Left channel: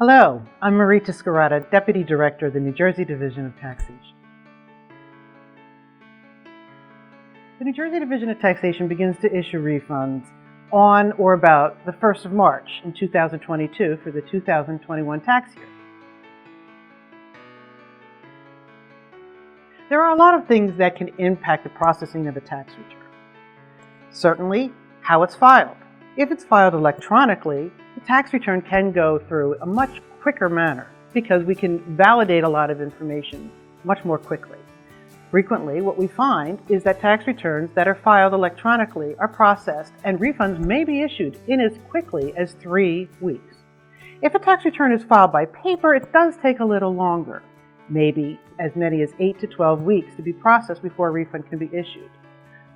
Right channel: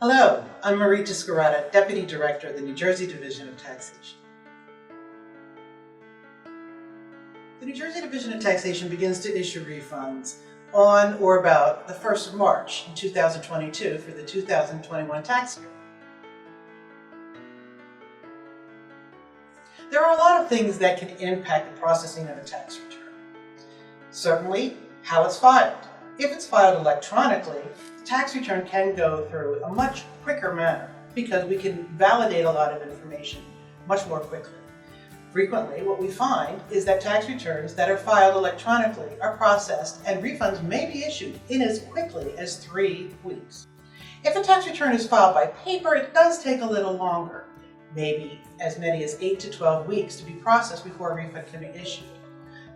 Hello, I'm Sciarrotta, Deputy Director of the New Jersey Division of Taxation. The New Jersey Division of Taxation begins to issue refunds on or about the 1st of March in 2022 for the 2021 tax year. There are a lot of things that can impact the processing of a tax return. Certainly, how it's filed. If it's filed electronically, the tax return can go through a much quicker manner because we can validate a lot of information much more quickly. Frequently, what we find is that tax returns that are filed electronically are processed and refunds may be issued in as quickly as 3 weeks. If a tax return is filed by paper, it does take a little longer, maybe as many as 8 to 12 weeks to be processed before a refund can be issued.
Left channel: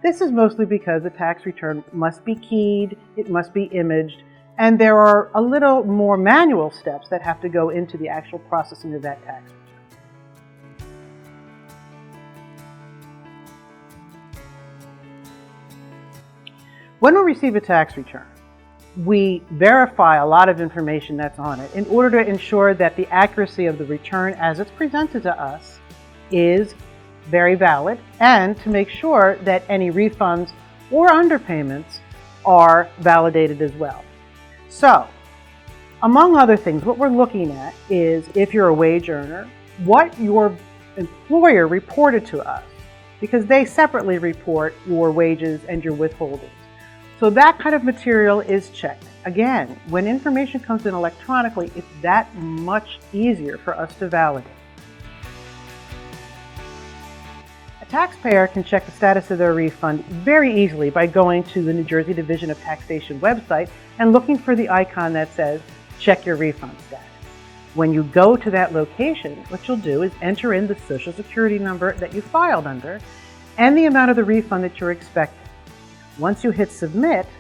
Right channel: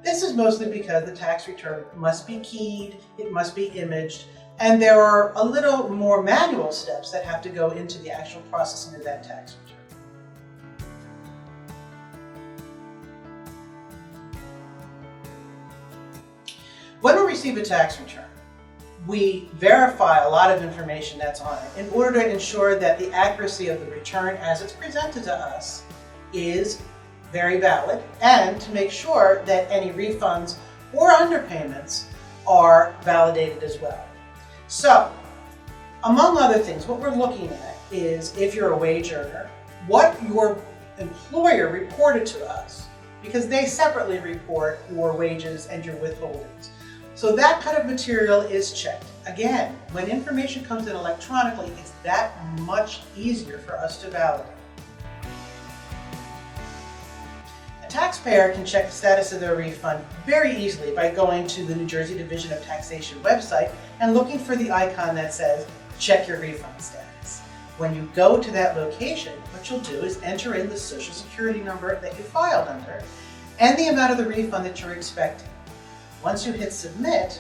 This is mostly because the tax return must be keyed, it must be imaged, and there are a little more manual steps that have to go into the actual processing of that tax return. When we receive a tax return, we verify a lot of information that's on it in order to ensure that the accuracy of the return as it's presented to us is very valid, and to make sure that any refunds or underpayments are validated as well. So, among other things, what we're looking at is if you're a wage earner, what your employer reported to us, because they separately report your wages and your withholdings. So that kind of material is checked. Again, when information comes in electronically, it's that much easier for us to validate. A taxpayer can check the status of their refund very easily by going to the New Jersey Division of Taxation website and looking for the icon that says, check your refund status. When you go to that location, what you'll do is enter in the Social Security number that you filed under and the amount of the refund that you're expecting. Once you hit submit,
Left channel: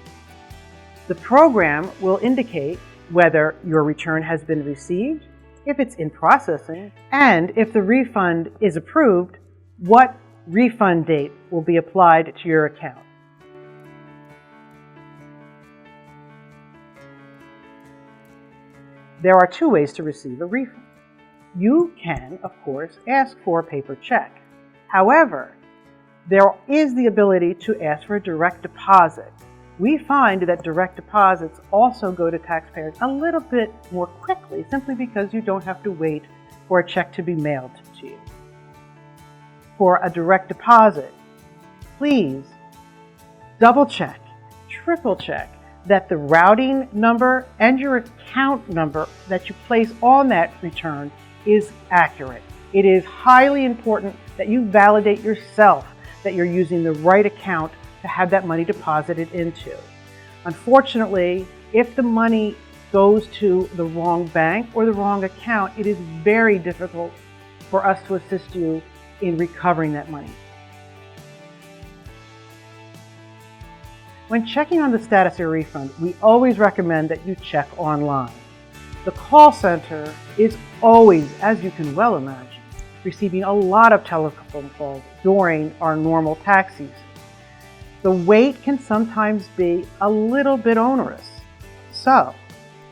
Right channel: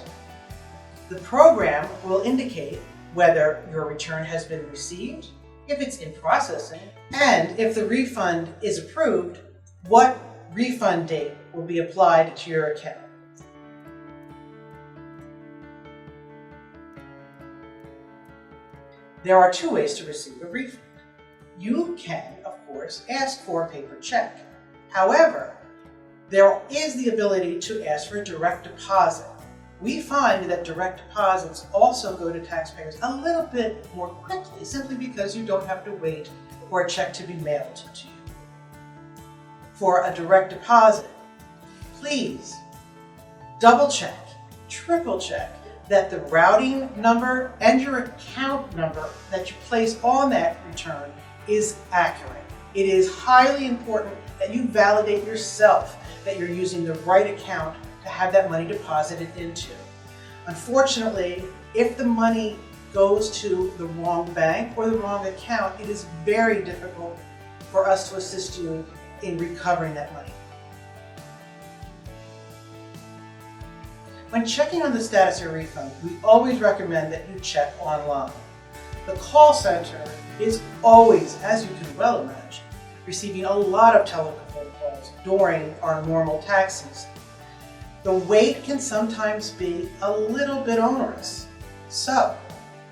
the program will indicate whether your return has been received, if it's in processing, and if the refund is approved, what refund date will be applied to your account. There are 2 ways to receive a refund. You can, of course, ask for a paper check. However, there is the ability to ask for a direct deposit. We find that direct deposits also go to taxpayers a little bit more quickly, simply because you don't have to wait for a check to be mailed to you. For a direct deposit, please double check, triple check that the routing number and your account number that you place on that return is accurate. It is highly important that you validate yourself that you're using the right account to have that money deposited into. Unfortunately, if the money goes to the wrong bank or the wrong account, it is very difficult for us to assist you in recovering that money. When checking on the status of your refund, we always recommend that you check online. The call center is always, as you can well imagine, receiving a lot of telephone calls during our normal tax season. The wait can sometimes be a little bit onerous. So,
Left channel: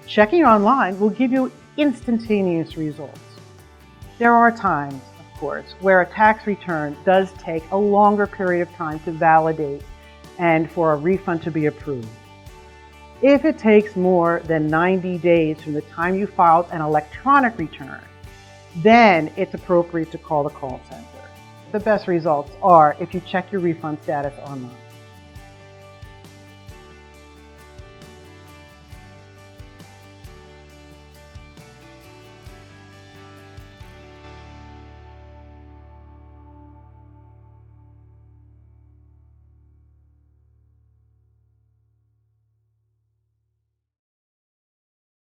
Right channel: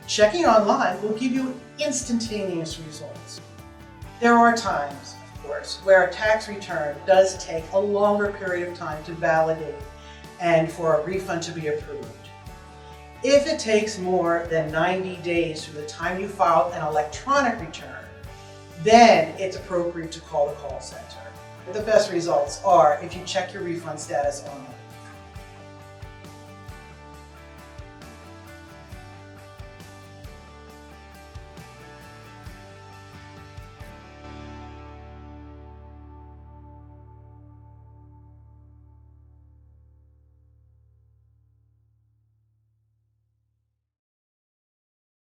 checking online will give you instantaneous results. There are times, of course, where a tax return does take a longer period of time to validate and for a refund to be approved. If it takes more than 90 days from the time you filed an electronic return, then it's appropriate to call the call center. The best results are if you check your refund status online.